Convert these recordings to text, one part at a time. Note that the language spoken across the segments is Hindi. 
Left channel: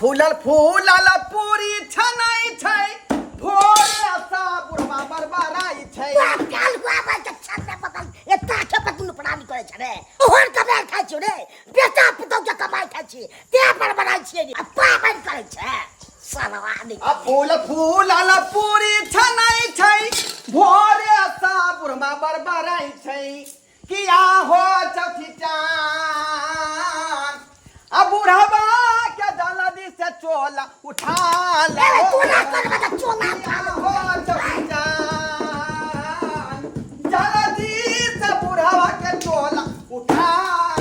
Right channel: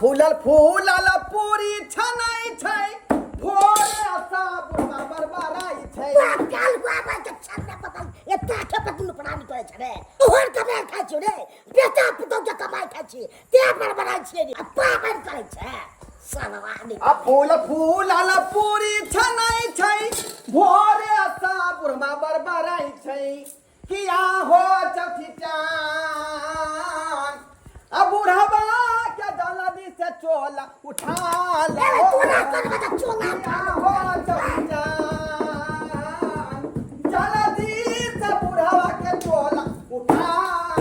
फूलल फूलल पूरी छनाई छै भोरे सा बुढ़वा बरबराई छै काल बाबा के छन्ने पतल एता के पतन पढ़ानी करे छै रे ओहर कमाई खाइ छै रे बेटा पुतौ के कमाई खाइ छै ते बरबराई छै रे पापन करे छै सालवा नी फूल फूलल पूरी छनाई छै भोरे सा बुढ़वा बरबराई छै किया हो चौथी चान अब बुढ़वा के जल्दी से चोला उठा ले तू ना कर बता चोला उठा हो चौथी चान जल्दी से बुढ़वा के चोला उठा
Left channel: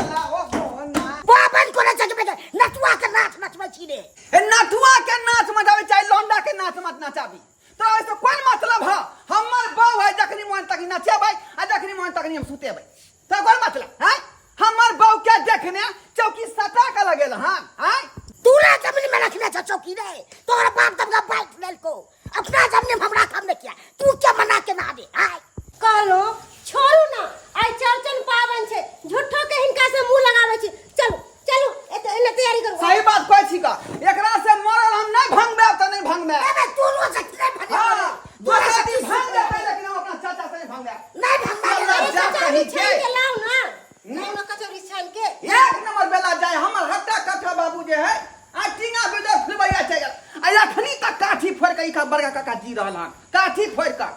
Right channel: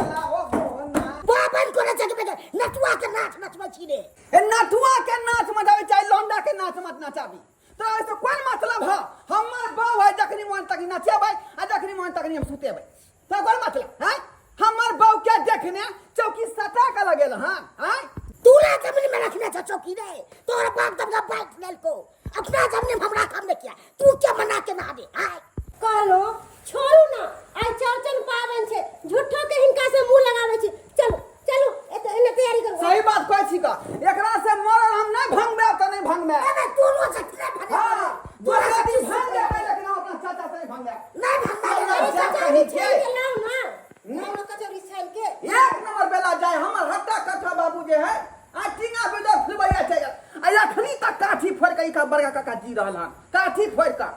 ला ओ होना पापन करे छै बेटा नटुआ के नाच नचबै छी रे नटुआ के नाच मचाबे चाहे लौंडा के नाच मत नचाबी तो ऐसे कोन मतलब है हमर बहू है जखनी मन तक नचेबै आ जखनी मन तक हम सुतेबै तो कोन मतलब है हमर बहू के देखने चौकी सटा के लगेल हां हैं तूला जमीन में रखने छ चौकी रे तोरा बाप तब का बाइक लेल को अपना जमीन में हमरा काम ने किया तू क्या मना के ना दे हाय कहलो छोड़ू ना आई चौरचन पावन छे झूठो के हिनका से मुंह लगावे छी चलो चलो एने तैयारी करू सही बात कहै छी का एकरा से मरल हम नहीं भंगबे त नहीं भंगबे अबे तू लो से नहीं भगे तोरा से भंग दे लेकिन हम अपना चाचा से नहीं भंगबे नहीं भंगा जा कहीं के के लाओ ना नहीं कचौरी छान के एक नंबर बेला जाए हमर हट्टा कट्ठा बाबू जे है आ टिंगा बेटा फिरबैया छै आ अखनी तक काठी फोड़ के का बड़का काका जी रहल हन काठी फोड़ का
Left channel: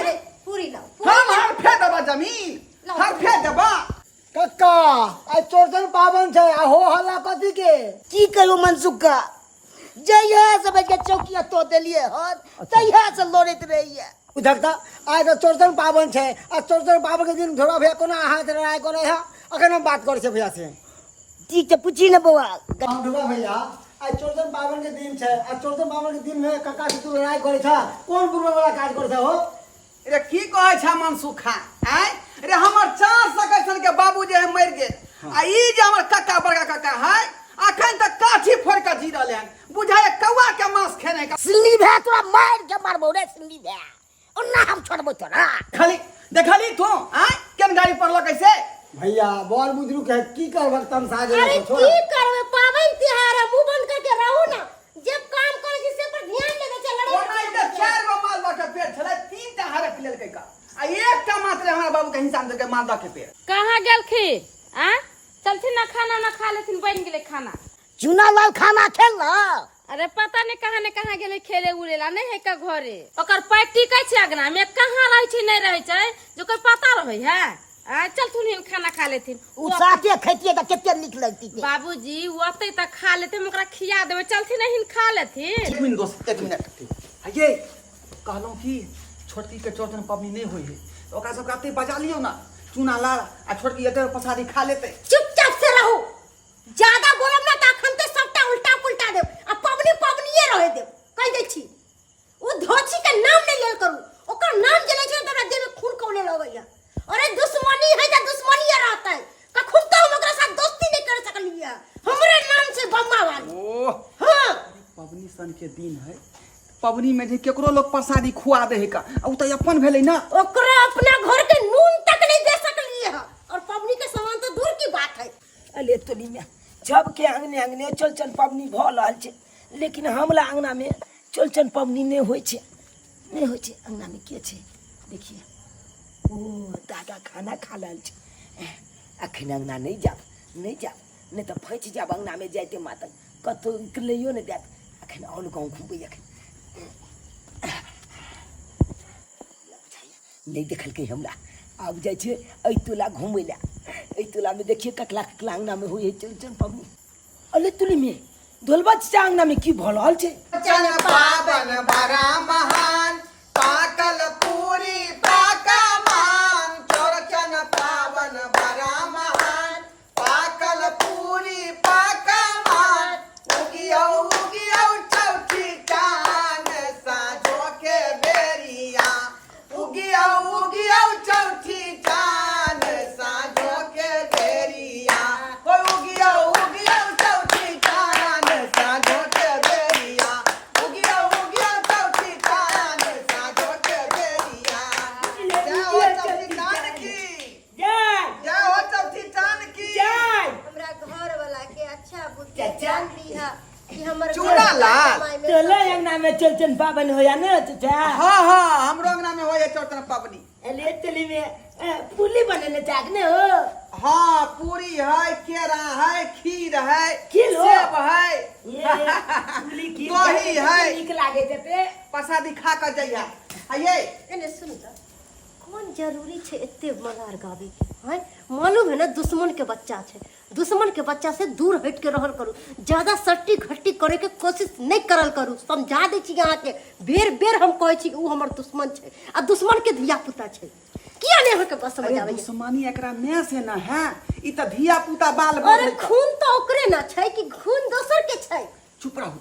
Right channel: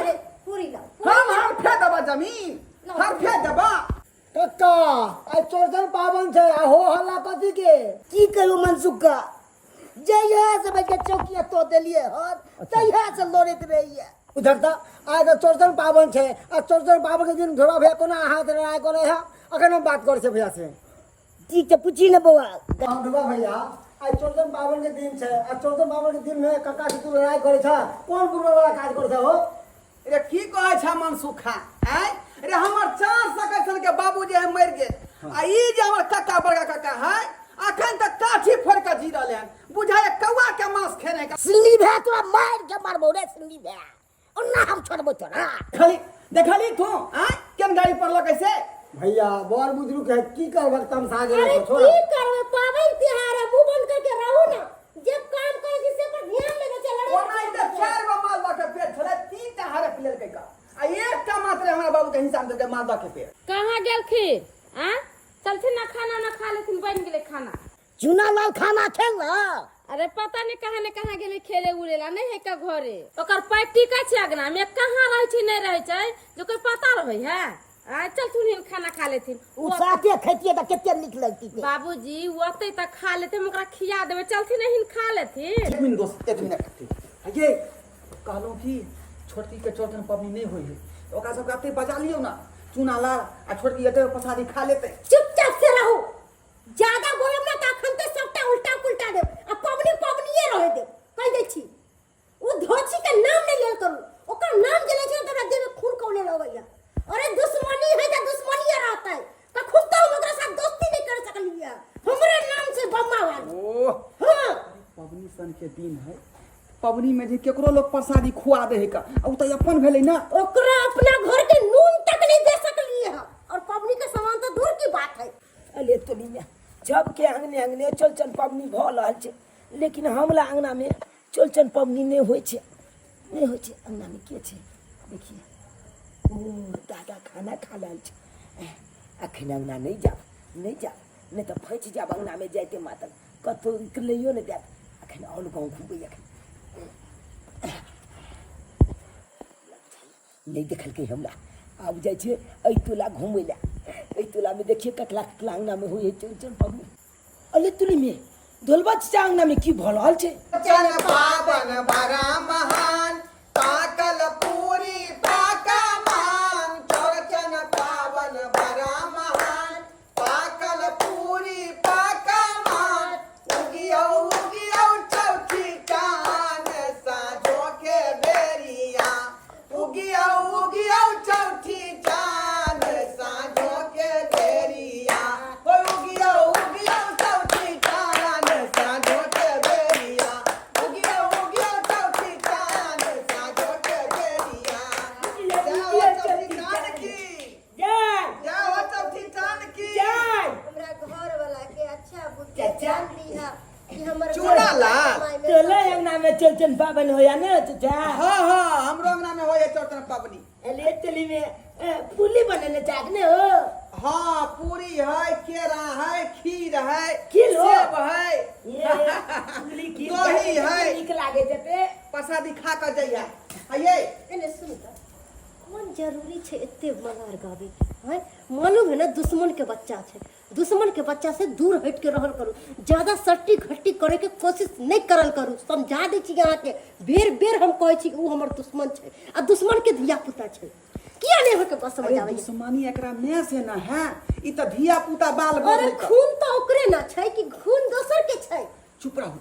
अरे पूरी लाओ हम हर फे देबा जमीन हर फे देबा कक्का आई चौरचन पावन छै आ हो हल्ला कथी के की करू मनसुख का जइया से बैठ के चौकिया तो देलिए हन तइया से लोड़त रहिए उधरता आइ तो चौरचन पावन छै आ चौरचन पावन के दिन थोड़ा भैया कोना हाथ लड़ाई करे है अखन हम बात करे छै भैया से ठीक है पूछी न बउआ हम ढुआ भैया आई चौरचन पावन के दिन छै आ चौरचन पावन के दिन में कक्का से तू लड़ाई करे छ कोन बुरा वाला काज करे छ हो रे की कहै छै मनसुखा हैं रे हमर 4 सकसन के बाबू जे है मर गेल आ ई जे हमर कक्का बड़का कक्का है अखन तक काठी फोड़ के जी रहले हन बुझाय कौवा के मांस खेने का सिल्ली भै तोरा मार के मारबो रे सिल्ली भै ओना हम छोड़बो तोरा खाली देखली तू हैं केन गाड़ी पड़लो कैसे भैया बड़ बुजुर्ग है की करबक तम साजे अरे छोड़ की करबे पावन त्योहार है मुंह बंद करके रहू ना जब काम करे छी से पर ध्यान देबे छै लड़ाई ओना इधर 4 गो मालदा के पेड़ छले 3 टा हरफ लेल के का आ एकटा मात्र हमरा बाबू के हिसाब से मालदा के पेड़ कहाँ गेलखी आ चलथिन ना खाना ना खा लेथिन बन गेले खाना चुना लाल खाना खेल ना अरे पता नहीं कहाँ गेले खेले उड़ेला नहीं है का घरे ओकर पैर टिकै छै अगना में कहाँ रहे छै नहीं रहे छै जो कोई पता रहे है आ चलथुन हिन खाना खा लेथिन उ साथे खैतिए त केते नीक लगती थे बाबूजी ओते तक खा लेते ओकरा खिया देबे चलथिन हिन खा लेथिन 1 मिनट दोस्त 1 मिनट ये कहलो कि छोटकी के चौरचन पबनी नहीं होई है ओकरा सब कहते बजा लियो ना चूना ला आ छोटकी एते पसारी खा लेते चुपचाप से रहू ज्यादा बोलब ना त अखन ते सबटा उल्टा पुल्टा देब आ पबनी पबनीए रहे देब कह दे छी ओ धोची के नाम नहीं लेल करू ओकर नाम जे ले छै तोरा देह में खून कौले लगैया अरे दुश्मनी है त दुश्मनीए रहतै कखुन तो हम ओकरा साथ दोस्ती नहीं कर सकलिए हमरे नाम से बम्मा वाली ओ हां पबनी सन के दिन है पबनी में जे केकरो लोग प्रसादी खुआ दे है का उ त अपन भेलै ना ओकरा अपना घर के नून तक नहीं दे सकलिए है और पबनी के सामान तो दूर की बात है अले तोली में जब के अंगने अंगने चौरचन पबनी भ रहल छै लेकिन हमरा अंगना में चौरचन पबनी नहीं होय छै अंगना में के छै देखिए ओ दादा खाना खा रहल छै अखन अंगना नहीं जाब नहीं तो फैच जाब अंगना में जाते मातल कतो निकलियो नहीं देत अखन और गाँव घूमबै अखन नहीं देखल के हमरा आब जाय छै ऐ टोला घूमै ला ऐ टोला में देखिए ककला ककला अंगना में होय चौरचन पबनी अले टोली में दोलबा चाचा अंगना में की भ रहल छै चौरचन पावन बड़ा महान पाकल पूरी पाका मान चौरचन पावन बड़ा महान पाकल पूरी पाका मान उगियो चौथी चांद साँझो के बेरिया उगियो चौथी चांद साँझो के बेरिया उगियो चौथी चांद साँझो के बेरिया उगियो चौथी चांद साँझो के बेरिया चूड़ा लाल तोला अंगना में चौरचन पावन होया ना चाचा हाँ हाँ हमरो अंगना में होए चौरचन पावनी अले चली में पुली बनने चाहने हो हाँ पूरी है केरा है खीर है खीर हो? सेब है ये पुली की दही है। निक लागे जते प्रसादी खा कर जइया ये एने सुन त कौन जरूरी छे एते मलार गावे हैं मालूम है ना दुश्मन के बच्चा छे दुश्मन के बच्चा से दूर हट के रहल करू ज्यादा सट्टी खट्टी करे के कोशिश नहीं करल करू समझा दे छी यहाँ के बेर बेर हम कहै छी उ हमर दुश्मन छे आ दुश्मन के धिया पुता छे किया नहीं होके बस समझावे दुश्मनी एकरा में से ना है ई त धिया पुता बाल अरे बढ़ै खून तो ओकरे ना छे कि खून दोसर के छे चुप रहू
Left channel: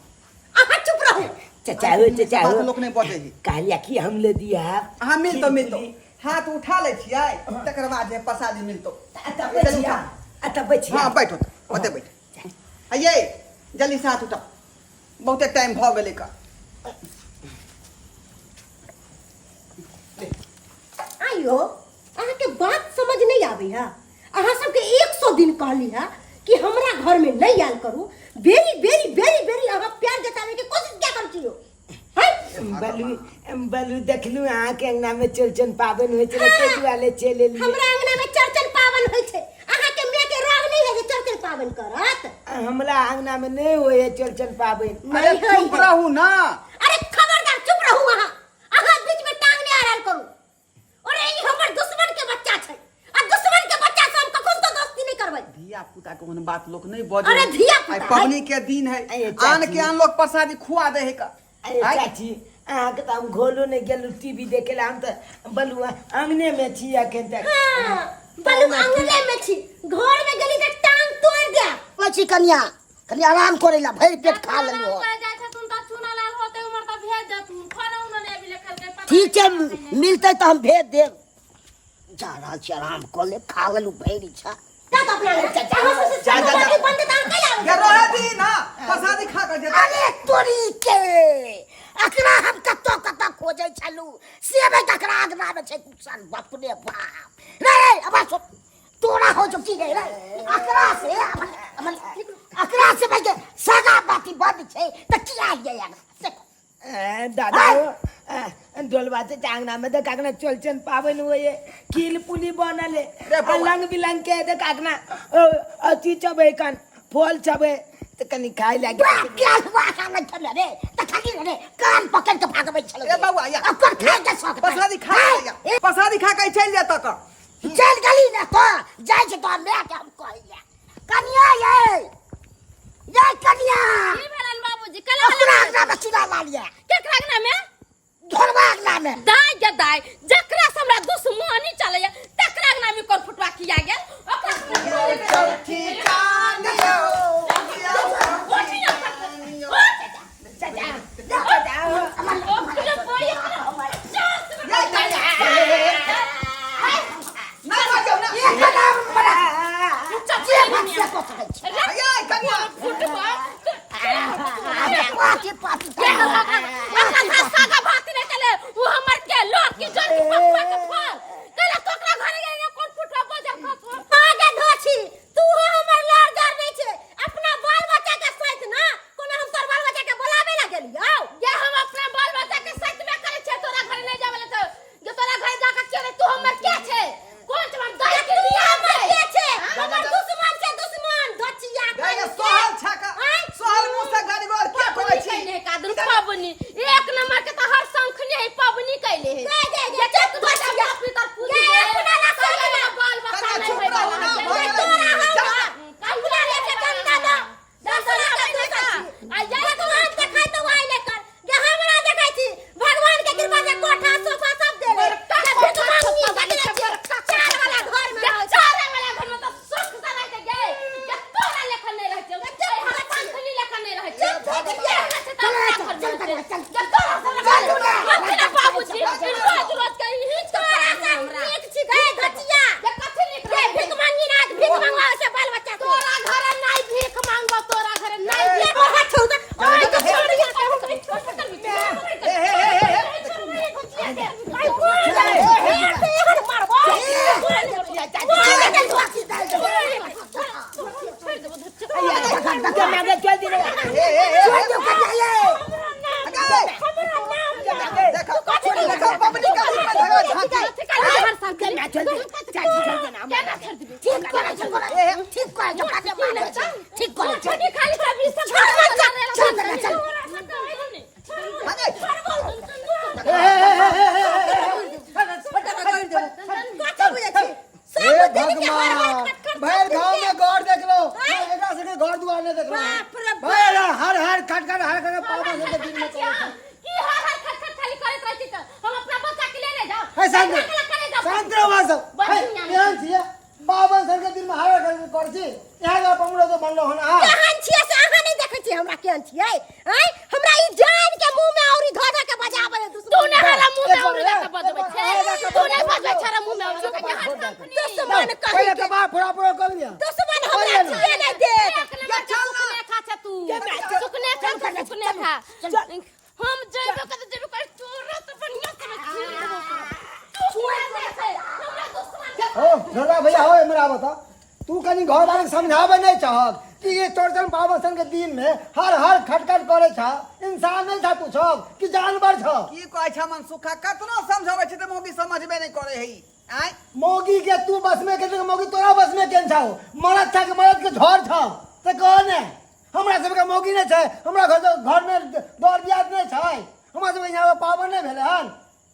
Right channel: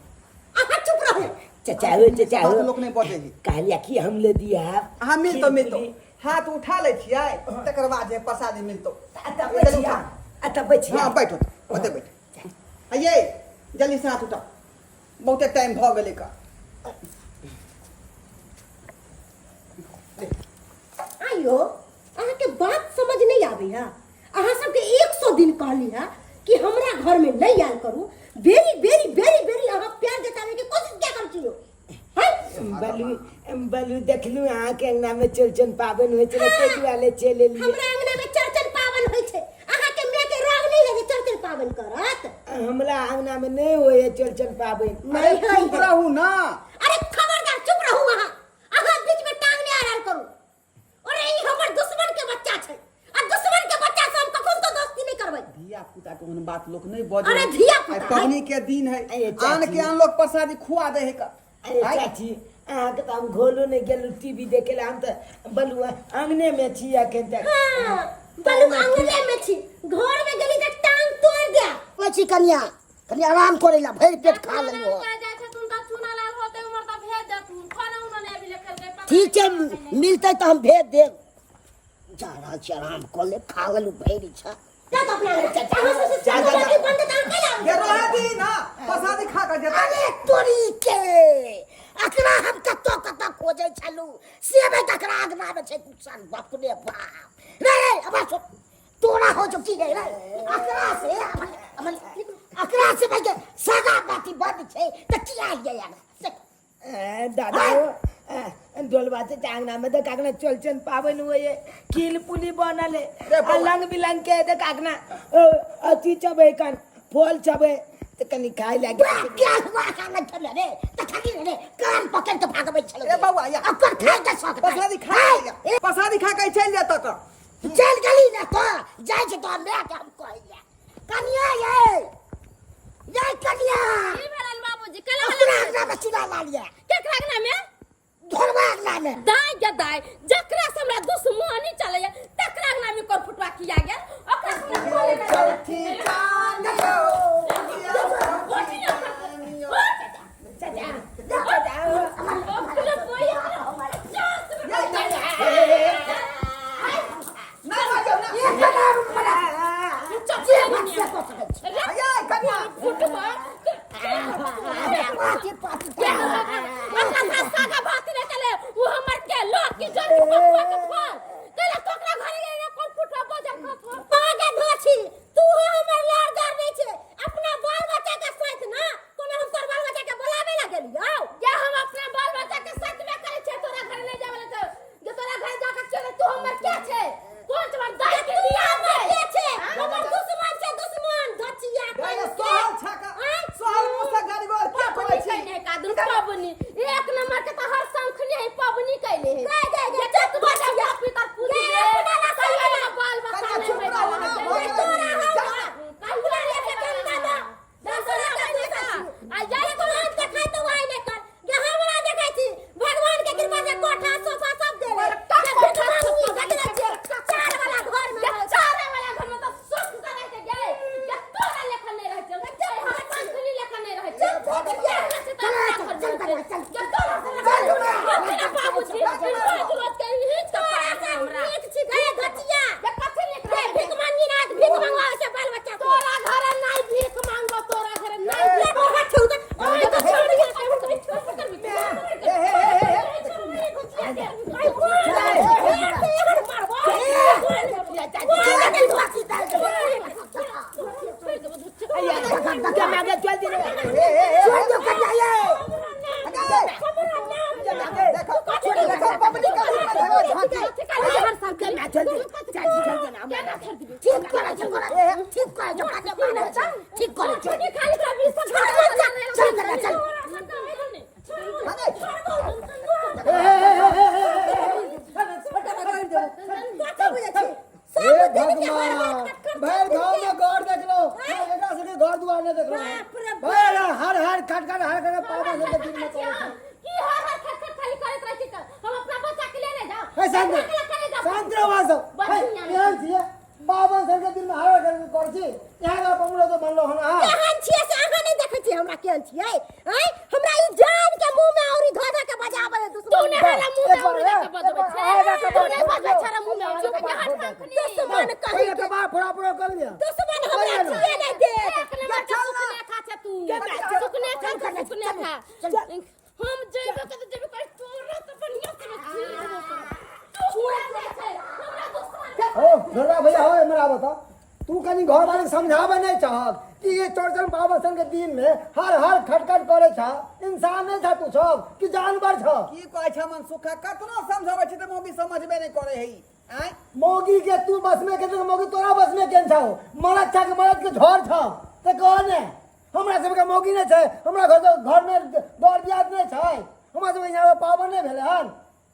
आहा चुप रहो चाचा हो बात लोग नहीं बजे ही कहलिया कि हम ले दिया हाँ मिलतो हाथ उठा ले छियै तकर बाद जे प्रसादी मिलतो अत बचिया हाँ बैठो ओते बैठ ये जल्दी से हाथ उठाओ बहुते टाइम भ गेलै का आइयो अहाँ के बात समझ नहीं आवे है अहाँ सबके 100 दिन कहली है कि हमरा घर में नहीं आल करू बेरी बेरी बेरी बेरी अहाँ प्यार जतावे के कोशिश क्या करती हो बलू देखलू अहाँ के अंगना में चौरचन पावन होय छै ते दुआले चले लिए हमरा अंगना में चौरचन पावन होय छै अहाँ के मैं के राग नहीं है जे चौरचन पावन करत हमरा अंगना में नहीं होय चौरचन पावन अरे चुप रहू ना अरे खबरदार चुप रहू अहाँ बीच में टांग नहीं आड़ल करू अरे ई हमर दुश्मन के बच्चा छै आ दुश्मन के बच्चा से हम कखन तो दोस्ती नहीं करबै धिया पुता के ओहन बात लोग नहीं बजे अरे धिया पुता आई पबनी के दिन है अये चाची। आन के आन लोग प्रसादी खुआ दे है का अरे चाची अहाँ के हम घोलो नहीं गेलू टीवी देखे ला हम तो बलू अंगने में छी अखन तक हां बलू अंगने में छी घर में गेली त टांग तोड़ दे पछी कन्या कनी आराम करेला भरि पेट खा लेलु हो जाय छै तुम त चूना लाल होते उमर त भेज दे तू खाना उन्होंने अभी लिखल के पता ठीक है मिलते तो हम भेज देब जा रहा छी आराम कर ले खा लेलु भरि छा तब अपना चाचा बंद ता कला ये रहे दी ना प्रसादी खा कर जे अरे तोरी के अकरा हम कत्तो खोजे छलु सेबे तकरा आगना में छै कुसान बाप रे बाप रे अब तोरा हो जो की गई रे अकरा से भाई के सगा बाती बंद छै त किया ये यार दादा डोलवा से टांगना में तो कागना चौरचन पावन होए कील पुली बनले लंग बिलंग के दे कागना अति चबे कान फल चबे तो कनी खाई लागे क्या हुआ खाना चले रे त खाली रे कान पकड़ के भागबै छलो ए बाबू आया ओकर खाए के शौक प्रसादी खा लिया प्रसादी खा के चल जा तक चल गली ना तो जाय छै तो मैं के हम कहिया कनिया ये कनिया की भेलन बाबूजी कला अपना आगना में चुरा ला लिया केकरा अंगना में घरवा आगना में दाई के दाई जकरा से हमरा दुश्मनी चले तकरा अंगना में कोन फुटवा किया गेल ओकरा चौथी कानियो ना बजाओ ना ये कदम बड़ा ये बात से को सकै छै आया कनिया फुटवा पाती पाती सागा भाती नहीं चले वो हमर के लोग की जोर के पकुआ के फल कला तोकरा घरे गए कोन फुटवा बजब खा आगे धोछी तू हमर लारदार नहीं छे अपना बाल बच्चा के साथ ना कोनो हम तोर बाल बच्चा के बुलावे ला गेलियो ये हम अपना बाल बच्चा के साथ में करे छे तोरा घरे नहीं जावे तो जो तोरा घरे जाके चले तू हमर क्या छे कौन तुम्हार दाई के तू दिया हमर के छे हमर दुश्मन छे दुश्मन धोचिया गए सोहल छका सोहल मुंह से गाड़ी गोर क्या कहै छी नहीं कादन पावनी एक नंबर के तो हर संखने है पावनी कैले है ये चक बचिया पितर पूजी ये अपना ला कहिया बाल बच्चा नहीं होय वाला है ये तोरा हम कहिया रे के गंदा दा दसरा के देखा आ ये तो हाथ देखाई तो वाई लेकर ये हमरा देखाई छी भगवान के कृपा से कोठा सोफा सब दे रे ये भिख मांगी चार वाला घर में तो सुख से रहते गए ये तोरा लेखन नहीं रहते ये हर संखनी लेखन नहीं रहते चल बाबूजी रोज रोज के ही तोरा से नीक छी गए घटिया ये कथि लिख रहे भिख मांगी ना भिख मांगवा से बाल बच्चा तोरा घरे नहीं भीख मांगबो तोरा घरे नहीं भीख ओहा छौदा ओए तो छोड़ दिया चल दे जल्दी चाची जल्दी ना हमरा ठीक करे ठीक करे जो काटे मारे ठीक करे छोटी खाली कभी सब चल भगवान भैर गांव में गौर देख लो एकरा से घर दुआर नहीं देख लो भाई हर खट हर पापा से दिन में करे की हर खट खाली करत रहती त हम अपना बच्चा के ले जाओ है शांत रहो मार सब भाई ध्यान छिए बाबा सर के दिन में हर कर छी यहां का पमड़ो तो बनलो हन हां केहन छियै से अहाँ नहीं देखै छी हमरा केहन छियै हैं हमरा ई जान के मुंह में औरी धोधा के बजाबै तू ने हरा मुंह में औरी के बजबै छै तू ने बजबै छरा मुंह में औरी के दुश्मन कहि पहले तो बाप फोड़ा कर लिया दुश्मन हमरा छियै नहीं देख सुकने खा छ तू सुकने खा हम जइबो कर तोरा तो बढ़िया से ओ धोला भैया हो मेरा बता तू कनी घर वाले के समझावे नहीं चाहत कि ये चौरचन बाबा के दिन में हर खटखट करे छा इंसान नहीं था तू सब कि जानवर छ की कहै छ मन सुखा कतनो समझाबै छै त मोगी समझबे नहीं करे हई आय मोगी के तू बस में के मोगी तोरा बस में केन छाओ मरद था के मरद के झोर छ त कौन है हमरा सब के मोगी नहीं छै हमरा घर में दौड़ दियाद नहीं छै हमरा सब यहां पावन नहीं भेले हन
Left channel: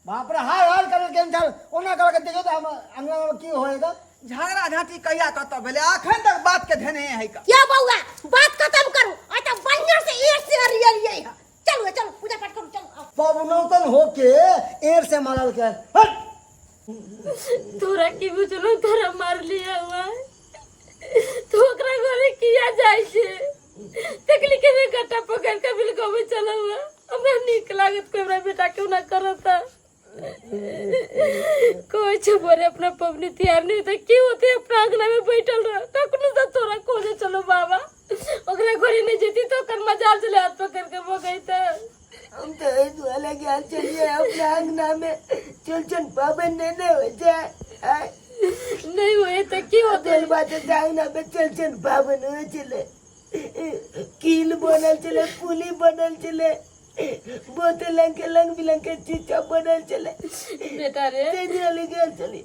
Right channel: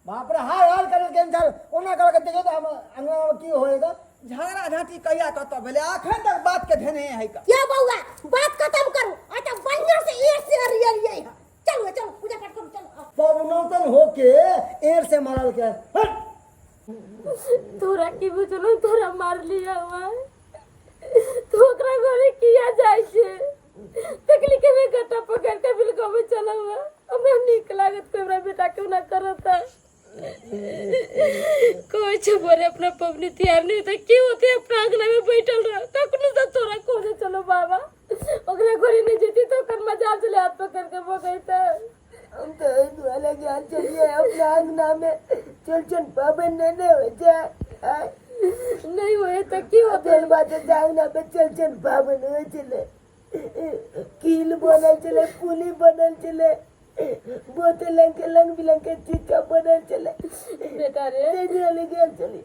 बाप रे हर करे केन छा ओना कर के देखो तो हम अंगना में की होएगा झगड़ा झाटी कहिया कत भेले अखन तक बात के धेने है का क्या बउआ बात खत्म करू आ त बढ़िया से एक से रियल चलो पूजा पाठ करू चलो बाबू नौतन होके एर से मारल के हट तोरा की बुझलो तोरा मार लिया हुआ तो ओकरा घरे किया जाय छै तकली के में गट्टा पकड़ के बिलको में चला हुआ हमरा नीक लागत कोई हमरा बेटा क्यों ना करता कोई छ बोरे अपना पबनी तैयार नहीं तो क्यों होते अपना आंगना में बैठल रह कखनो से तोरा खोजे चलो बाबा ओकरा घरे नहीं जेती तो कर मजाल चले हाथ पकड़ के बगैता हम तो इस वाले के चलिए अपना अंगना में चलचन पावन नहीं हो जाए नहीं हुए तो क्यों होते दिल बात अंगना में चलचन पावन हो चले कील बनल चले पुली बनल चले बोतल रंग बिरंग के चीज बनल चले बेटा रे चली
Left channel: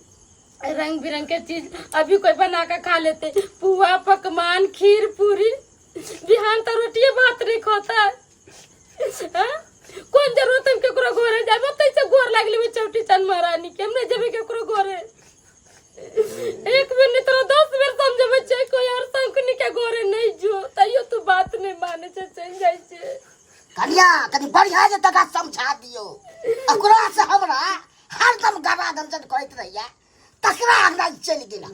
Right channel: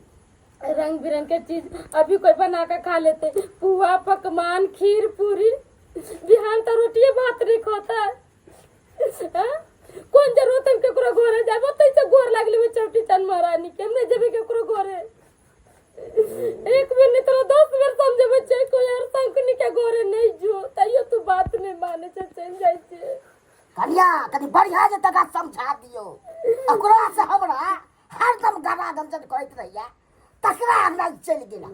रंग बिरंग के चीज अभी कोई बना कर खा लेते पुआ पकवान खीर पूरी बिहान तो रोटी भात नहीं खाता कौन जरूरत हम केकरो घरे जाब तैसे गोर लागले में चौटी चन महारानी के हम नहीं जेबे केकरो घरे एक बेर नहीं तो 10 बेर समझबे छै कोई और संकनी के घरे नहीं जो तइयो तू बात नहीं माने छै चल जाय छै कन्या कनी बढ़िया जे तका समझा दियो ओकरा से हमरा हरदम गवा गंजन करैत रहिया तकरा हमरा चल गेला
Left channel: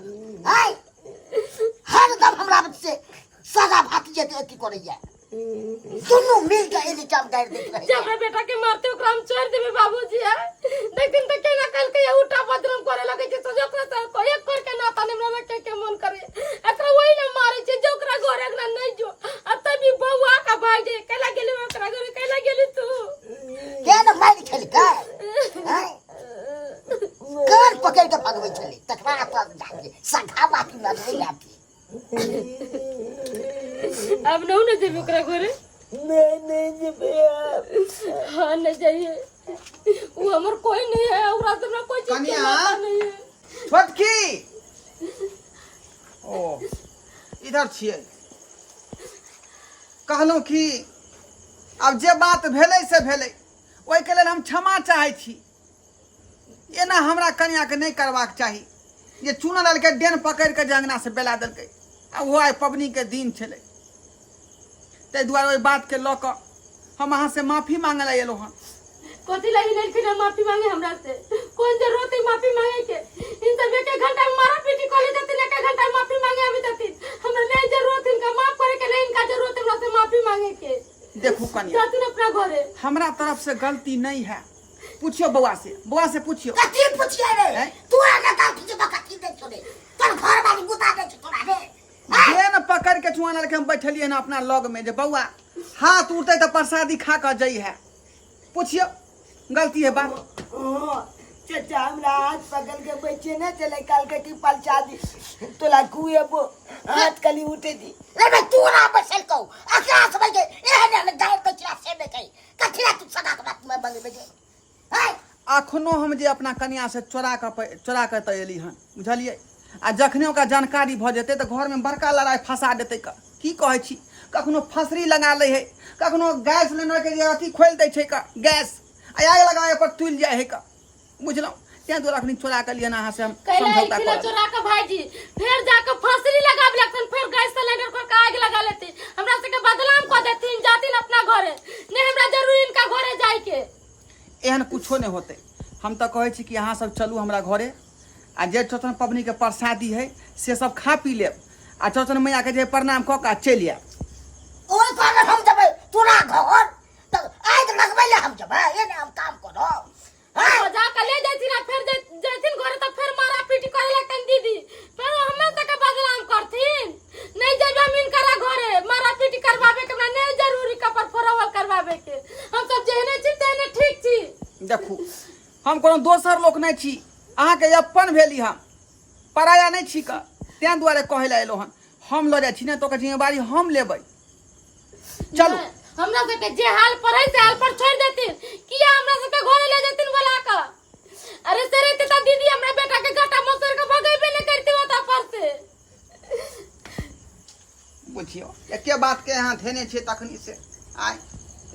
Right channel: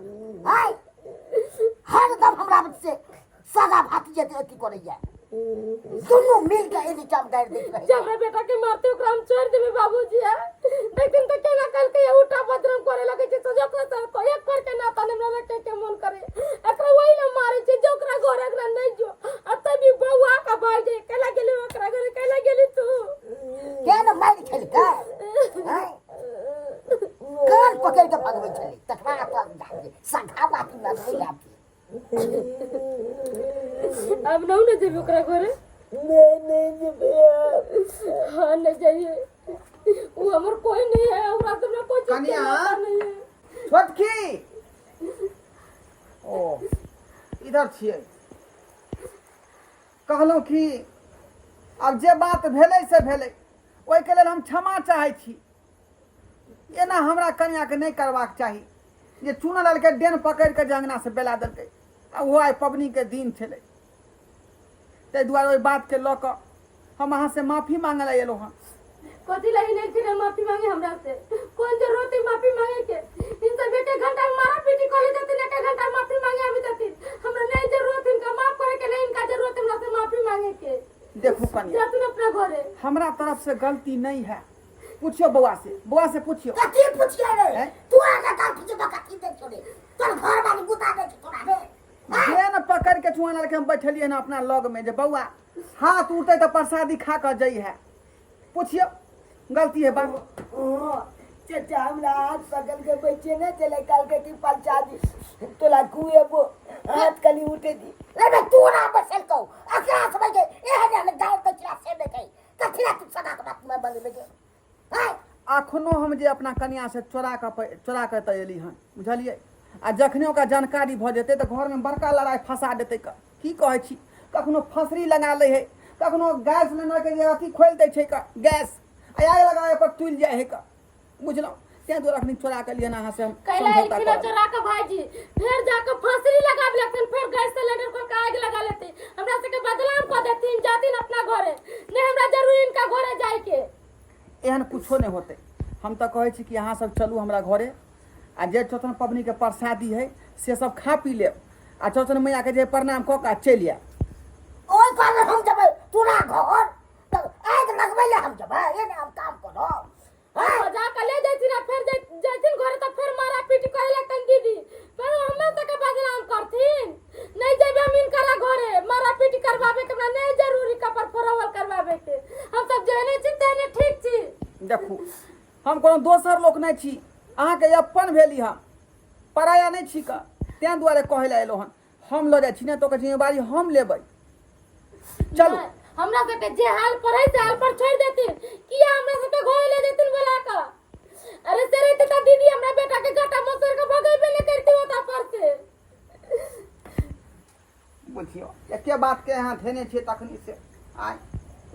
हाय हरदम हमरा से सगा भात जे अथी करैया दुनू मिल के एली काम कर देत रहे जब रे बेटा के मारते ओकरा हम छोड़ देबे बाबूजी लेकिन त केना कल के उठा बदरम करे लगे छै तो जकरा त कोई एक कर के नाता निमरा के मन करे एकरा वही ना मारे छै जो ओकरा घर एकरा नहीं जो आ तभी बौआ का भाई जे केला गेली ओकरा घर केला गेली तू के न मार खेल का कान पकड़ के भगवे चली तकरा पर जाके सगा बात न लाती अब नौ न जेबे ओकरा घरे नहीं जेबे हां न जाइए वो हमर कोई नहीं है हमरा हमरा कोई चीज कन्या नहीं है छोटकी ओ इधर छिए कहलौं कि अब जे बात भेलै से भेलै ओइ के लेल हम क्षमा चाहै छी एना हमरा कन्या के नहीं करबाक चाही जे चुना ललके डेन पकड़ के जंगना से बेला देलकै आ वो आइ पबनी के दिन छलै तै दुआरे ओइ बात के लऽ कऽ हम अहाँ से माफी मांगे ला एलौ हन कोथी लगी नहीं फिर माफी मांगे हमरा से कौन जरूरत है माफी मांगे के इन सब एक घंटा में मारा पीटी कर लेते एक घंटा माफी मांगे अभी तक हमरा नहीं जरूरत इनका माफ करे के नहीं इनका जरूरत है हमरा से माफी मांगे के देखू कन्या जा तू अपना घरे हमरा तरफ से गलती नहीं है पूछियो बउआ से पूछियो कथी पूछिए रे तू आना काल तुझे बकती दे छोड़े तोर घर वाली गुता दे छोड़ा रे जेन पकड़ के चुआना लगे हम बैठलिए ना अपना लग में जे बउआ हाथ उठते तो प्रसादी खा कर जई है पूछियो गलती है बात चाचा हमरा हाथ पकड़ के बैठे न चले काल के की पलचा दी तोला कुए वो हाथ कली उठे दी अरे तू ना बसल को अकरा समझ के एहन गाय बचरा से में कही कथी तू सदा के बात में बंग में हाय अखनो हम जे अपना कन्या से चोरा के तऽ एली हन बुझलिए आ जखने ओकरा जानकारी भऽ जेतै तऽ घर में बड़का लड़ाई फंसा देतै की कहै छी कखनो फसरी लगा लै है कखनो गैस सिलेंडर के अथी खोल दै छै गैस आग लगाए पर तुल जाए है बुझलहुँ तैं दुआरे अखनी चोरा के लिए अहाँ से हम समझौता किलो कर चोरा के भाईजी फिर जाके फसरी लगा लगतन फिर गैस सिलेंडर को आग लगा लेते हमरा से के बदनाम कर देथिन जातिन अपना घरे नहीं हमरा जरूरी इनका घरे जाए के एहन कुछो नहीं होते हम तो कहै छी कि अहाँ सब चलू हमरा घरे आ जे चौड़चन पबनी के प्रसादी है से सब खा पी लेब आ चौड़चन मैया के जे प्रणाम कऽ के चलि आयब ओइ पागल हम जबै तोरा घर त आइ लगबै ले हम जबै एने हम काम करब जाके ले जैथिन आ फिर जैथिन घरे तो फिर मारा पीटी करे लगतन दीदी फिर हमरा तक बदनाम करथिन नहीं जेबे हम इनकरा घरे मारा पीटी करवावे के हमरा नहीं जरूरी कपर फोरवल करवावे के हम सब जेहने छी तेहने ठीक छी देखू हम कोनो दोसर लोक नहीं छी अहाँ के अपन भेली हम पराया नहीं छी का तैं दुआरे कहै ला एलो हन हम लऽ जाइ छी ने तो के जिम्मेवारी हम लेबै चलू हमरा सबके जे हाल पर है से हाल पर छोड़ देथिन किया हमरा सबके घरे ले जेथिन बोला का अरे से रहते त दीदी हमरा बेटा के गटा मसर के भगेबे नहीं करती होता पर से बुझियो एके बात के यहाँ धेने छे तखनी से आय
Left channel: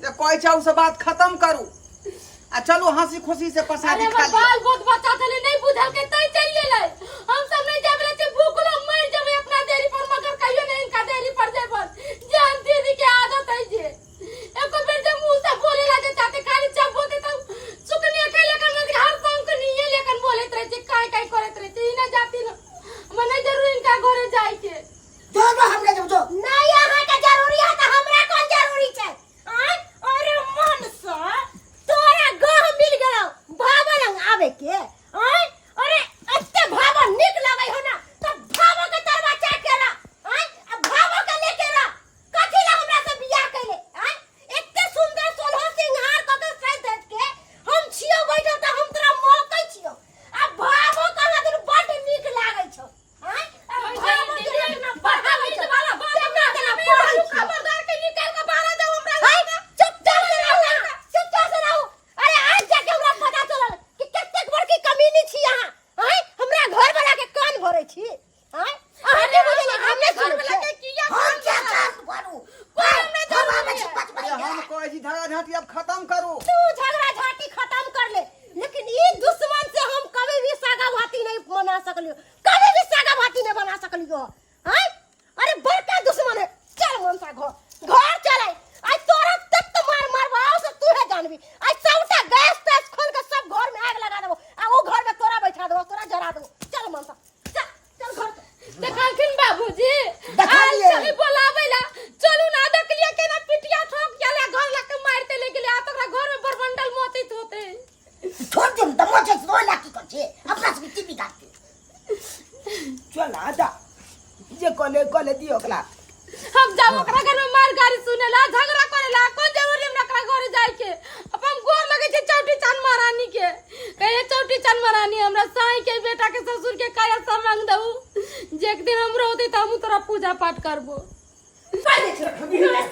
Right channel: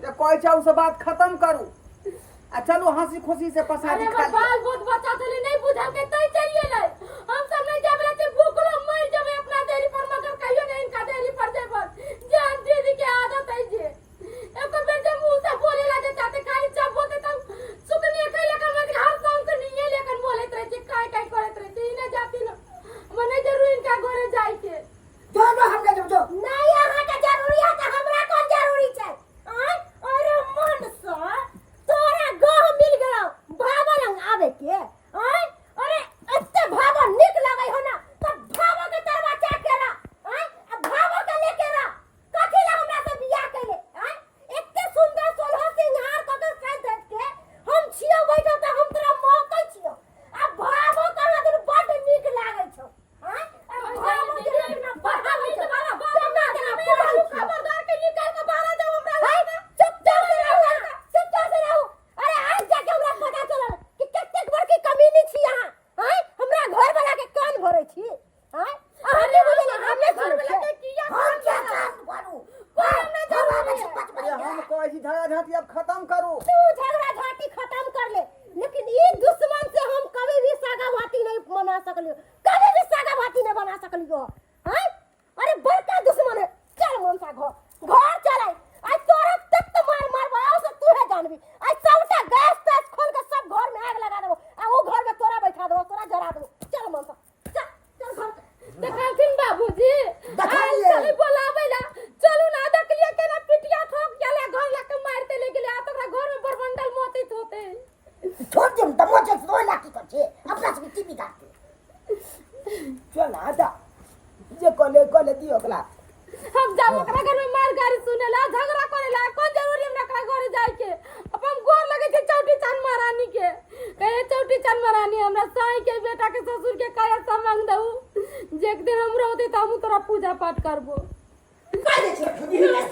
रे कहै छै उस बात खत्म करू आ चलू हंसी खुशी से प्रसादी खा लियो बाल बहुत बच्चा थले नहीं बुझल के तई चलिए ले हम सब नहीं जाबे छे भूखलो मर जाबे अपना देरी पर मगर कहियो नहीं इनका देरी पर जेबन जान दीदी के आदत है जे एको बेर जे मुंह से बोले लागे चाहते खाली चप बोलते तो सुकनी के लेकर मत हर संग के नहीं लेकर बोलत रहे जे काय काय करत रहे ई ना जाती ना मने जरूर इनका घरे जाए के जो हमरा जब जो नहीं यहाँ के जरूरी है तो हमरा कौन जरूरी छै अरे मन सा तोरा गह मिल गेलौ भावा लंग आवे के अरे एते भावा निक लागै हो ना त भावा के तरवा चाट के रा अब भावा के लेके रा कथि ला हमरा से बियाह कैले एते सुंदर सोलह सिंहार क के साथ धत के हम छियो बैठल त हम तोरा मौकै छियो अब भावो कहा दिन बड निक लागै छौ खबरदार के निकाल के बाहर जाओ हमरा चुपचाप से रहू अरे आज जाके हमरा पता चलल कि कतेक बड़की कमीनी छी अहाँ हमरा घर वाला के कान भरै छी अरे हमने घर वाला के किया हम क्या काम करू कोई में जवाब छै अरे हम कहै छी झगड़ा झाटी अब खत्म करू तू झगड़ा झाटी खत्म कर ले लेकिन ये दुश्मन से हम कभी भी सागा भाती नहीं बना सकलियो कभी भी सागा भाती नहीं बना सकलियो अरे बड़का दुश्मन है चल मनसा घर चल आई तोरा तक तो मार मारवाओ से तू है जानबी आई सबटा गैस तैस खोल के सब घर में आग लगा देबो आ वो घर में तोरा बैठा देबो तोरा जरा देबो चल मनसा चल घर देखलखिन बाबूजी देखलिए। चली बोलावे ला चलू ना देखलिए केना पिटिया ठोक गेले घर लग के मारते ले गेले आ तोरा घर में बरबंडल मोतित होते छोड़ दे दमो जे सोई लाठी कर छे अपना से टीवी काटते चल आजा जे कोले दियो ओकरा हम जाओ ओकरा घर में मार गाड़ी सुनेला झगड़ा करेला कोन जरूरी हमरा ओकरा घर जाए के अपन गोर लगे छै चौटी चांद महारानी के कहे चौटी चांद महारानी हमरा साई के बेटा के ससुर के काया संबंध दऊ जे एक दिन हमरो होते त हम तोरा पूजा पाठ करबो पाले छो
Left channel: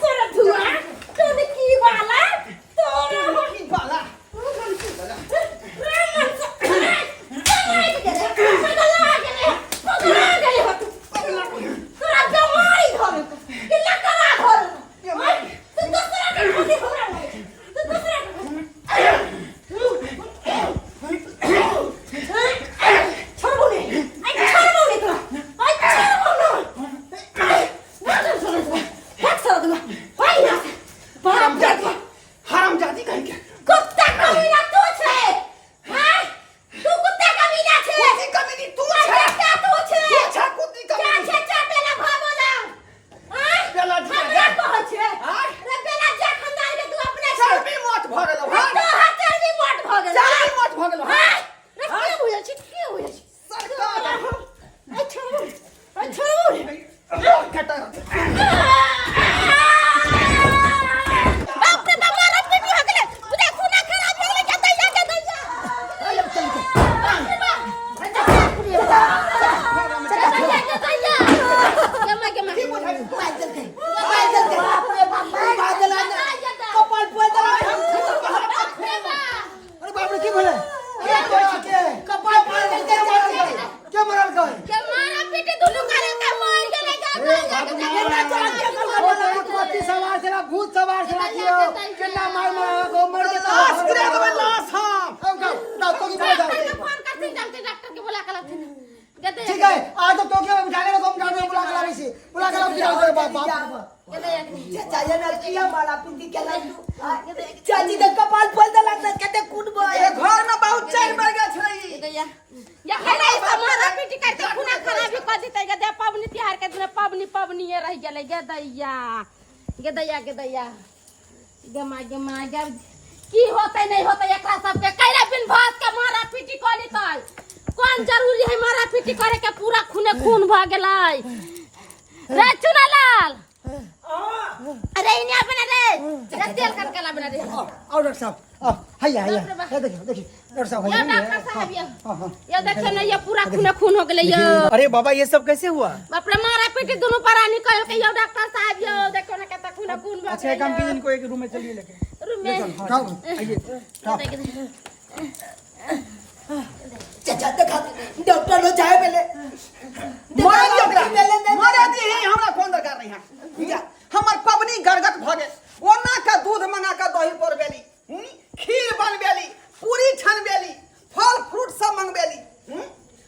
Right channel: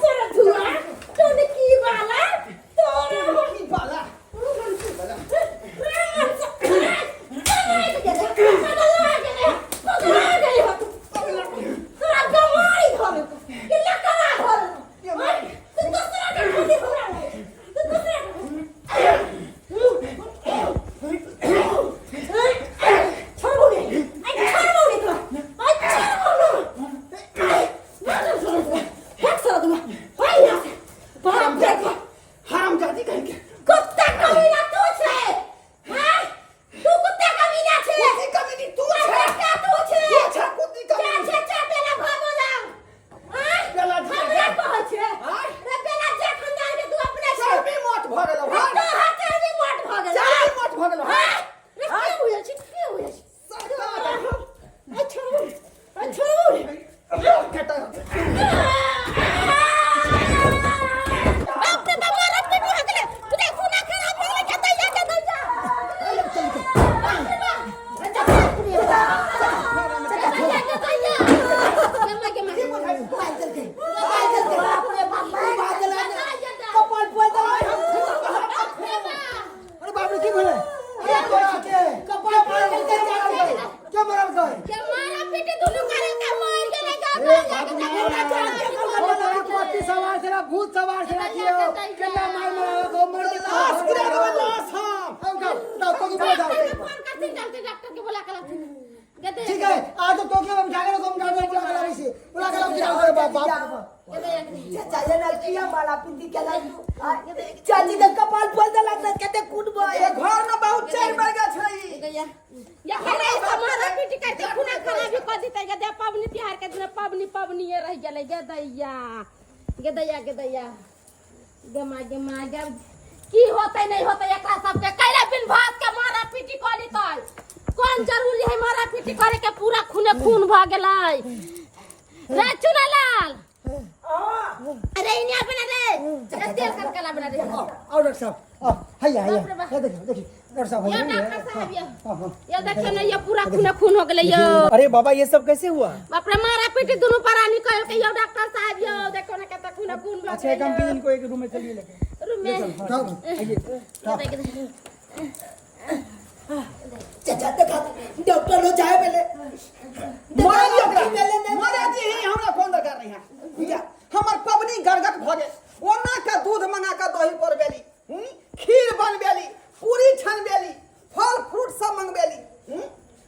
सोरा धुआ तोने की वाला तोरा की बाला हरामजादी कहीं के कुत्ता कमीना तू छे हां तू कुत्ता कमीना छे कुत्ती कमीनी तू छे क्या तू छे तू छे कुत्ती क्या कमीनी छे चाटेला भागो ला हां बेला जी हमरा कह छे हां रे बेला जा खंदार के तू अपने छे चर्बी मत भ गेलो हां तो हाथ भी मोट भ गेल चर्बी मत भ गेलो हां रे की होय छै की होय छै सरकार अच्छा कटा बाप रे बाप मारत पे भी हो गेले पूरा खूना खराब हो गेले जतै जा चल के अरे बाप रे की भेलै दियो केना मार मार को मर के लाश गिरा देबे लाश हम ना तो की बोला डॉक्टर के फोन करती डॉक्टर के बुला के लाती गदे ठीक है आज तो के बिठा के हम डॉक्टर बुला के लावी से बुला के लावी डॉक्टर बाप गदे चाहिए ना किया मारा पिंडी के लड्डू चाची तो कपाल फल दला कते कूदबो ए घर में बहुत चैन बढ़ गया छै गया या खाना इस मारा पीटी करते खुना खराबी कर देते गदे पबनी त्योहार के दिन पबनी ये रह गेले गदैया गमा जब की होते नहीं होते एकरा सब के कैला बिन भात के मारा पीटी कली तय कौन जरूरी है मारा पीटी करे के पूरा खूने खून भ गेलै रे चुनालाल अरे इन्हें बना रे तेल करके ला बना रे आओ डॉक्टर साहब हैया ये देखिए डॉक्टर साहब ये डॉक्टर साहब ये देखिए ना ये पूरा खून हो गेलै यो अरे बाबा ये सब कैसे हुआ? अपने मारा पीटी दोनों परानी कह के यो डॉक्टर साहब यो देखो ना कितना खून भ अच्छा एक काम कीजिए इनको एक रूम में चलिए लेके रूम में चाचा देखा डॉक्टर लो जाए पहले मारा दी ओकरा मारा दी हमरा फोन दरकार नहीं है हमर पबनी गरगट भ गेल ओना का दूध मंगा का दही पर बेली खीर बनबेली पूरी छनबेली फल फ्रूट सब मंगबेली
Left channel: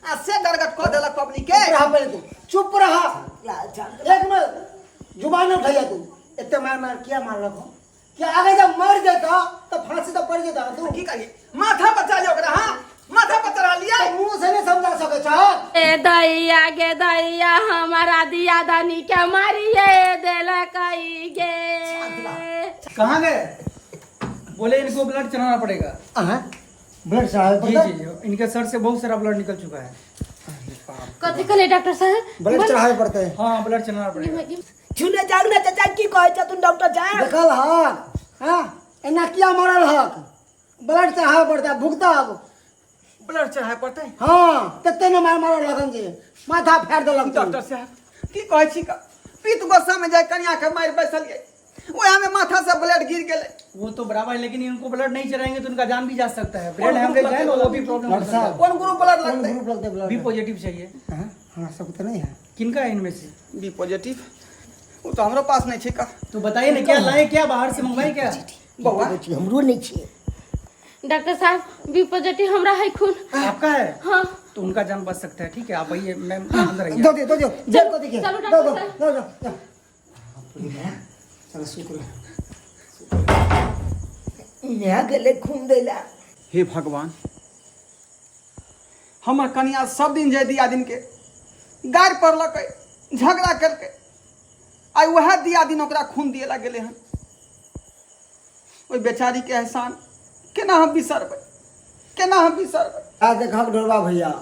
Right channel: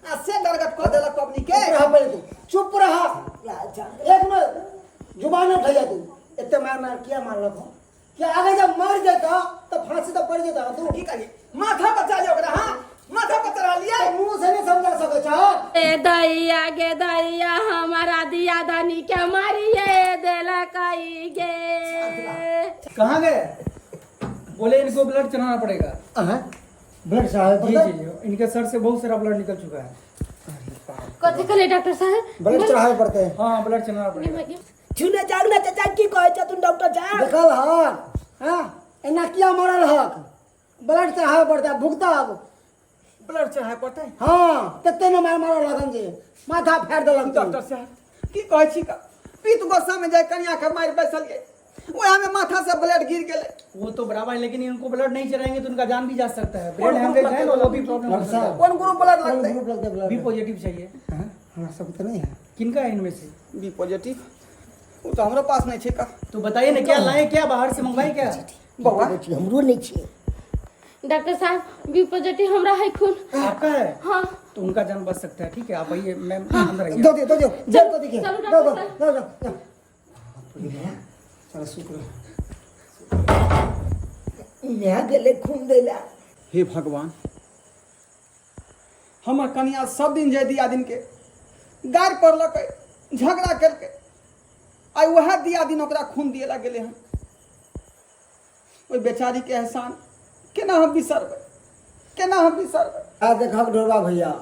आ से गरगट क देलक पबनी के चुप रहा एक मिनट जुबान न उठाइया तू इतने मार क्या मार रखो क्या आगे जब मर जाता तो फांसी तो पड़ जाता तू की करिए माथा बचा लियो ओकरा हां माथा पर चढ़ा लिया मुंह से नहीं समझा सके छ गे दैया हमारा दिया धनी के मारिए देला कई गे कहाँ गए? बोले इनको ब्लड चढ़ाना पड़ेगा। ब्लड साहब जी जी जी इनके सर से बहुत सारा ब्लड निकल चुका है। कथी करे डॉक्टर साहब ब्लड चढ़ाए पड़ते हैं हाँ ब्लड चढ़ाना पड़ेगा। छुने जागना चाचा की कहे छ तुम डॉक्टर जा देखल हक हां एना किया मरल हक ब्लड चढ़ाए पड़ता भुगता अब ब्लड चढ़ाए पड़ते हां तते न मार मारल लगन जे माथा फाड़ देलक डॉक्टर साहब की कहै छी का पीत गोसा में जाय कन्या के मार बैसल गए ओया में माथा से ब्लड गिर गेले वो तो बराबर है लेकिन इनको ब्लड नहीं चढ़ाएंगे तो उनका जान भी जा सकता है। ब्लड हेमरेज है तो वो भी प्रॉब्लम हो सकता है। कौन ग्रुप ब्लड लगते ग्रुप लगते ब्लड बी पॉजिटिव चाहिए। हां सब तो नहीं है किनका है इनमें से? बी पॉजिटिव वो तो हमरा पास नहीं छै का तो बताइए ना क्या लाए क्या बाहर से मंगवाए क्या? बउआ हमरो नहीं छे डॉक्टर साहब बी पॉजिटिव हमरा है खून आपका है? हाँ तो उनका जान बच सकता है। ठीक है आप आइए मैम अंदर आइए। दो जब को देखिए चलो दो डॉक्टर दो चलो शुक्र इन्हें गले खून देला हे भगवान हमर कन्या सब दिन जय दिया दिन के गार पड़लक झगड़ा करके आई वह दिया दिन ओकरा खून दिए ला गेले हन ओई बेचारी के एहसान केना हम बिसरबै आ देखक ढोलबा भैया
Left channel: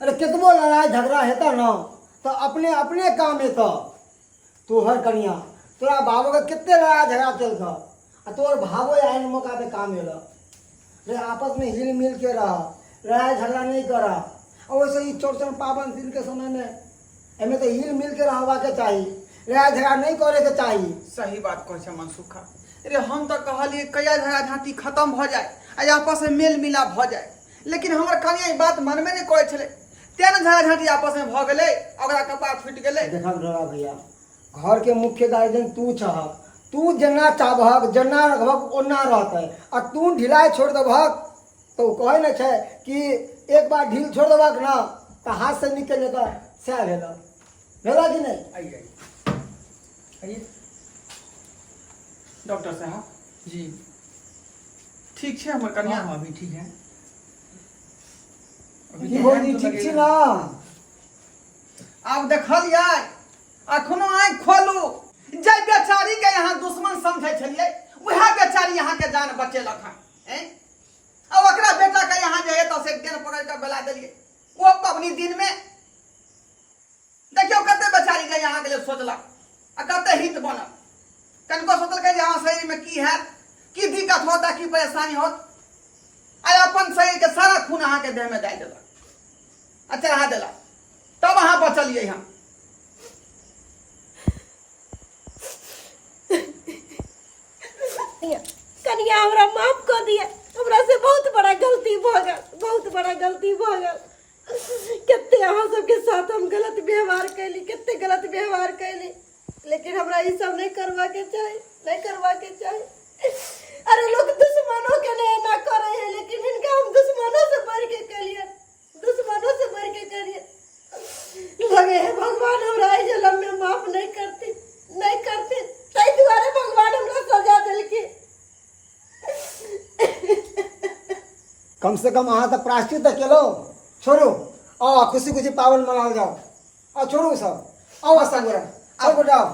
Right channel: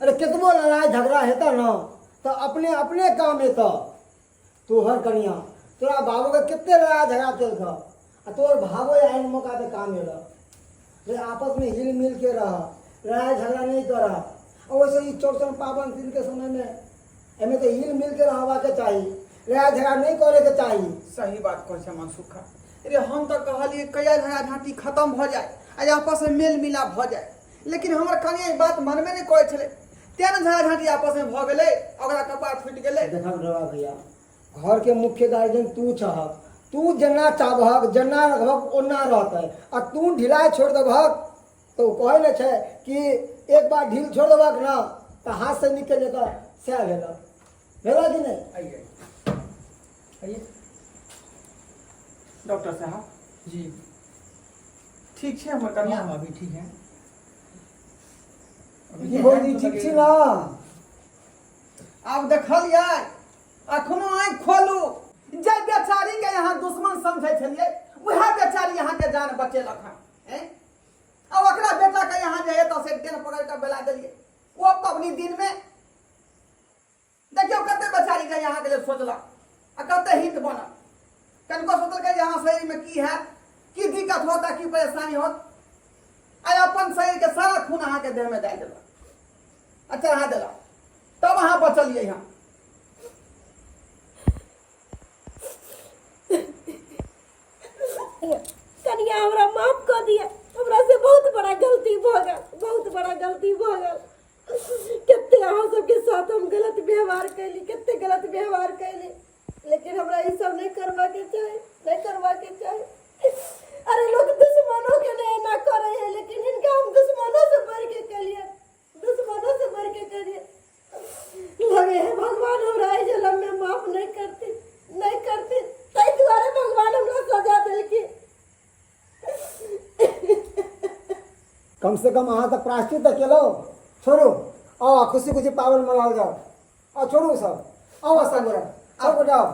अरे कितबो लड़ाई झगड़ा हेता न तो अपने अपने काम हेता तोहर कनिया तोरा बाबू के कितने लड़ाई झगड़ा चल था आ तोर भावो आइन मौका पे काम हेला रे आपस में हिल मिल के रह लड़ाई झगड़ा नहीं करा और वैसे ही चौरचन पावन दिन के समय में एमे तो हिल मिल के रहवा के चाहिए लड़ाई झगड़ा नहीं करे के चाहिए सही बात कहै छै मनसुखा रे हम तो कहलिए कया झगड़ा झांटी खत्म भ जाए आ आपस में मेल मिलाप भ जाए लेकिन हमर कनिया ई बात मनबे नहीं करै छले तेन झगड़ा झांटी आपस में भ गेलै ओकरा कपार फूट गेलै देखक ढोलबा भैया घर के मुख्य गार्जियन तू चाहक तू जना चाहक जना रखबक ओना रहते आ तू ढिलाई छोड़ देबक तो कहे न छै कि एक बार ढील छोड़ देबक ना तो हाथ से निकल जेता सह भेला कि नहीं आइए आइए डॉक्टर साहब जी ठीक छै हमर कन्या हाँ अभी ठीक है। अभी की तो बोली टाइम तो ठीक छी लगेगा। ना आब देखलियै अखनो आँखि खोलू जय बेचारी के यहाँ दुश्मन समझै छलियै वह बेचारी यहाँ के जान बचेलक हन अब ओकरा बेटा के यहाँ जे है तो से दिन पकड़ के बेला देलिए वो पबनी दिन में देखियो कते बेचारी के यहाँ के लिए सोचलक आ कते हित बनल कनको सोचलकै जे हाँ शरीर में की है की दिक्कत होता की परेशानी होत आ अपन शरीर के सारा खून अहाँ के देह में दे देलक आ चढ़ा देलक तब अहाँ बचलिए हम कनिया हमरा माफ कर दिया हमरा से बहुत बड़ा गलती भ गल कितने अहाँ सबके साथ हम गलत व्यवहार कैली कितने गलत व्यवहार कैली लेकिन हमरा ई सब नहीं करवा के चाही नहीं करवा के चाहिए। अरे लोग दुश्मनों के लिए ना करे हैं, लेकिन इनका हम दुश्मनों से बढ़ के करिए, दुश्मनों से बढ़ के करिए। लगे है भगवान हमरा जन्म में माफ नहीं करती, नहीं करती, तई द्वारे भगवान हमरा सजा दिल की। कम से कम अहाँ तो प्राश्चित तो केलो। छोड़ो आओ खुशी खुशी पावन मनाओ जाओ। आओ छोड़ो सब आओ संग सब जाओ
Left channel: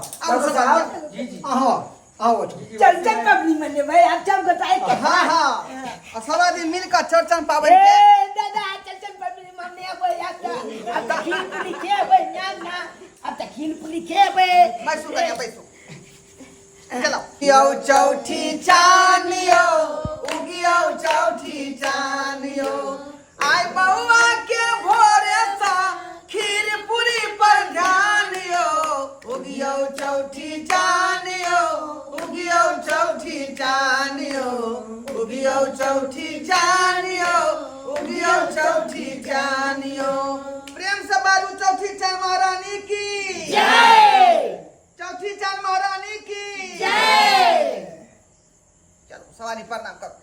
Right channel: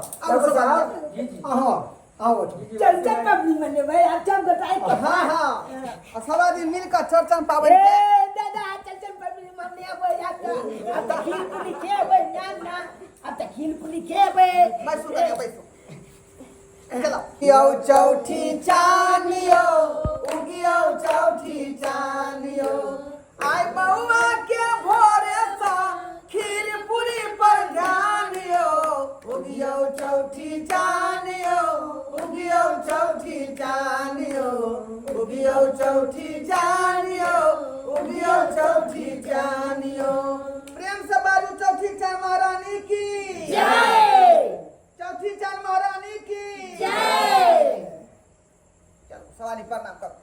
जी जी आओ आओ चलचन पबनी मने भाई अब सब बताए के हाँ हाँ सब आदमी मिलकर चौरचन पावन ए के दादा चलचन पबनी मने अब याद अब तक खीर पूरी खेबे ना अब तक खीर पूरी खेबे बैसो लगे बैसो चलो यो चौठी चानियो उगियो चौठी चानियो आई बउआ के भोरे सा खीर पूरी पर ध्यान यो उगियो चौठी चानियो उगियो चौठी चानियो उगियो चौठी चानियो उगियो चौठी चानियो प्रेम से बारू चौठी चान महारानी की जय चौथी चांद महारानी की जय चलो सवारी प्रणाम करो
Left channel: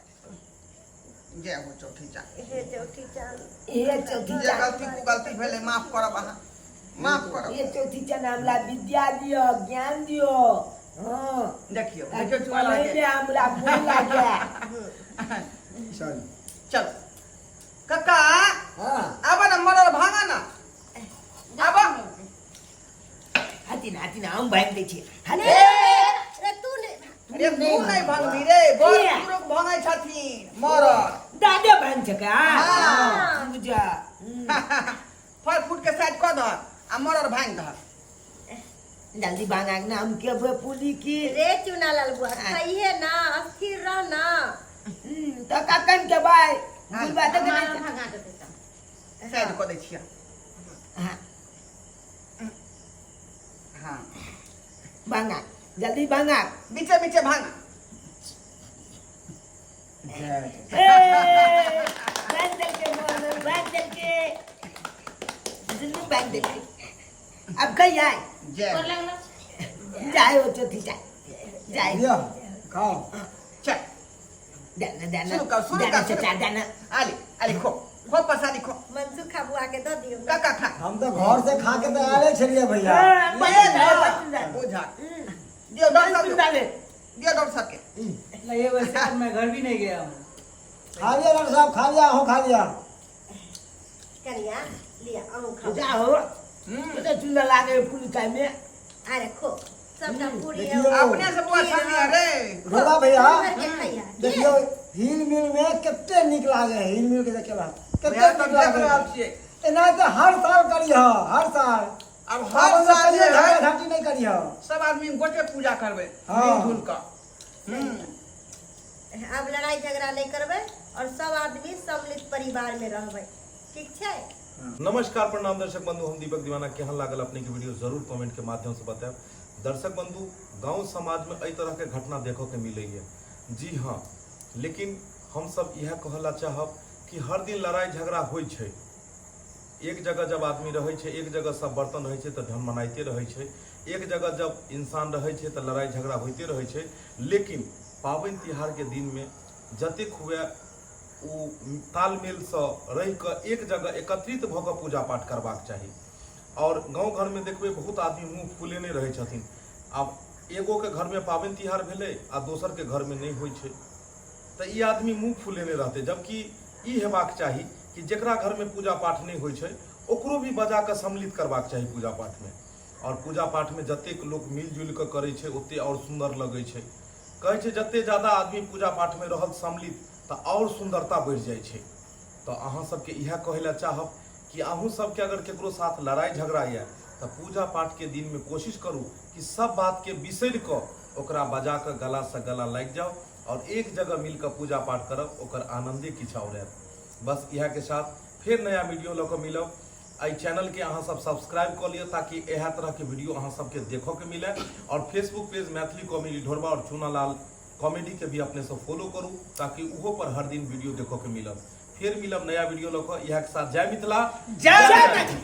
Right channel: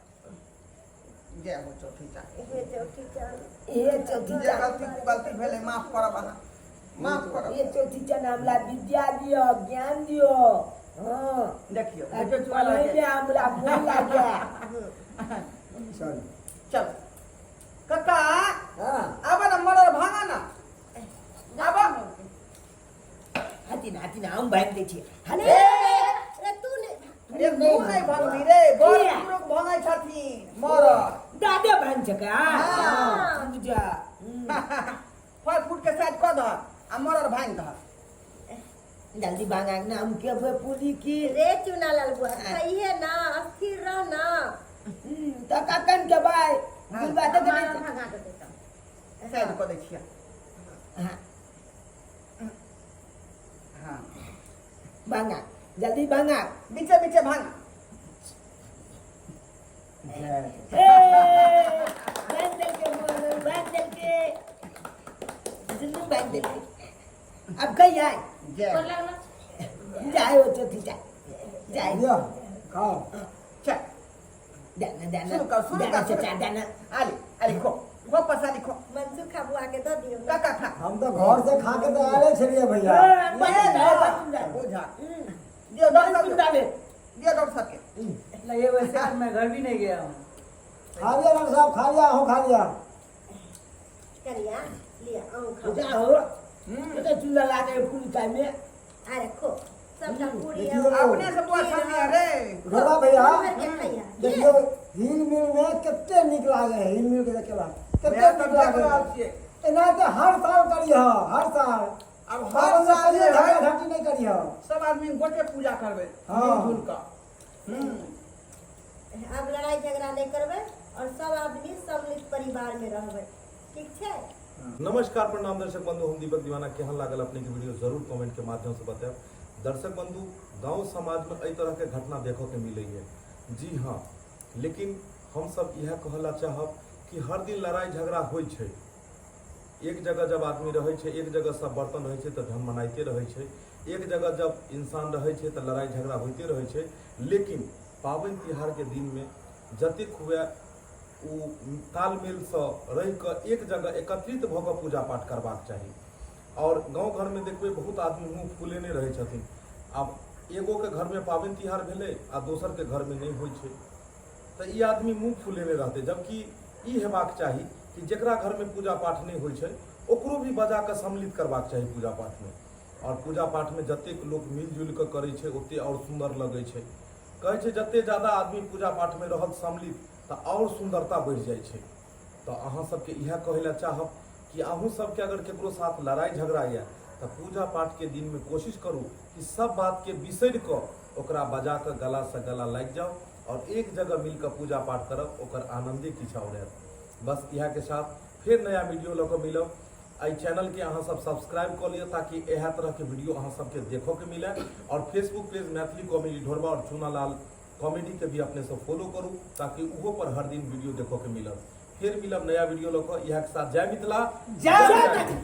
जय हो चौथी चांद हे चौथी चांद, ये चौथी जे गलती को गलती भेले माफ करब अहाँ माफ करब ये चौथी चन हमरा विद्या दियो ज्ञान दियो हां देखियो ताकि वीडियो चुआ पढ़े में लगे हमरा मन लागे चल चलो काका हां अब ना मरल भांगा ना अब हाथी ना हम भाग दे छी अरे अरे तू ने अरे तू नहीं भांगनी रे बड़ पुरुष भांगे छथिन मरल दादे भाग छका हाँ। बुझा फल फूट के साइड क धर आ मरल भांग धर जल्दी भाग ना हम के पुली की रे चुना लाल बुआ कहिए ना, अस्थिर रह ना। तो काकन के भाई कोई बात हमारा नहीं भगा दे देता। साइड क दै छिया हां हां भागा जल्दी भागा बीचे बीचे भांगा बंदल के मोर बंदल के जल्दी बंदल के अब कहीं आए जय और लगना जाए हो चौथी जाए लिया खाओ चल दाना शुरू कर, चाचा दाना आली आली खो प्रसादी खो मनसुखा बुआ के दो दियो। काका खा हम तो घर से खा के तो आले छलिए भैया बुझा दियो डॉक्टर साहब दियो डॉक्टर साहब के लगे वैसे तो मैं घर भी नहीं गया हूँ खा लिया डॉक्टर साहब खा लिया हो खा लिया करिया लिया आऊं खाओ। जाओ तो चूल्हा लागे पूरी टाइम में अरे खो सबका पूरी है। देखियो अपने से बुआ छानी रे रुका भैया भर के खैया। देखियो हिल मिल में कितने निक लागे हिल मिल के देखेला कितने मैं तो निक देख रहल लागे छियै एना के हर साल करियो हर साल अब हर साल जे झगड़ा है झाटी नहीं करियो सब आदमी गोटे पूजा करबै हाँ। मिलजुल का अब लड़ाई झगड़ा नहीं करबै और सब आदमी सम्मिलित परिवार में रहबै, ठीक छै। नमस्कार प्रणाम दर्शक बंधु हम दीपक दीवाना केहन लागल अपने के वीडियो जरूर कमेंट के माध्यम से बताएब। दर्शक बंधु गांव समाज में एहि तरह के घटना देखो के मिले है जी हाँ, लेकिन हम सब यह कहला चाहब कि हर दिन लड़ाई झगड़ा होइ छै। एक जगह जब आदमी रहे छै, एक जगह सब बर्तन रहे छै तो धन मनाइते रहे छै, एक जगह जब इंसान रहे छै तो लड़ाई झगड़ा होते रहे छै। लेकिन पाबनि तिहार के दिन में जतेक हुए ओ तालमेल से रह कऽ एक जगह एकत्रित भऽ कऽ पूजा पाठ करबाक चाही। और गांव घर में देखबै बहुत आदमी मुँह फुलेने रहे छथिन। आब एगो के घर में पाबनि तिहार भेलै आ दोसर के घर में नहीं होइ छै तो ई आदमी मुँह फुलेने रहतै, जबकि ई हेबाक चाही कि जेकरा घर में पूजा पाठ नहीं होइ छै ओकरो भी बजा कऽ सम्मिलित करबाक चाही पूजा पाठ में। और पूजा पाठ में जतेक लोग मिलजुल कऽ करै छै ओते और सुंदर लगै छै। कहै छै जते ज्यादा आदमी पूजा पाठ में रहल सम्मिलित तो और सुंदरता बढ़ जाए छै। तो अहाँ सबके इएह कहै ला चाहब कि अहूँ सबके अगर केकरो साथ लड़ाई झगड़ा या तो पूजा पाठ के दिन में कोशिश करू कि सब बात के बिसरि कऽ ओकरा बजा कऽ गला से गला लागि जाओ और एक जगह मिल कऽ पूजा पाठ करब, ओकर आनंदे किछु और हैत। बस इएह के साथ फिर नया वीडियो लऽ कऽ मिलब। एहि चैनल के अहाँ सब सब्सक्राइब कऽ लिअ ताकि एह तरह के वीडियो अहाँ सबके देखो के मिले। और फेसबुक पेज मैथिली कॉमेडी ढोरबा और चूनालाल कॉमेडी के भी अपने सब फॉलो करू ताकि उहो पर हर दिन वीडियो देखो के मिलत। फिर मिलब नया वीडियो लऽ कऽ। इएह के साथ जय मिथिला जय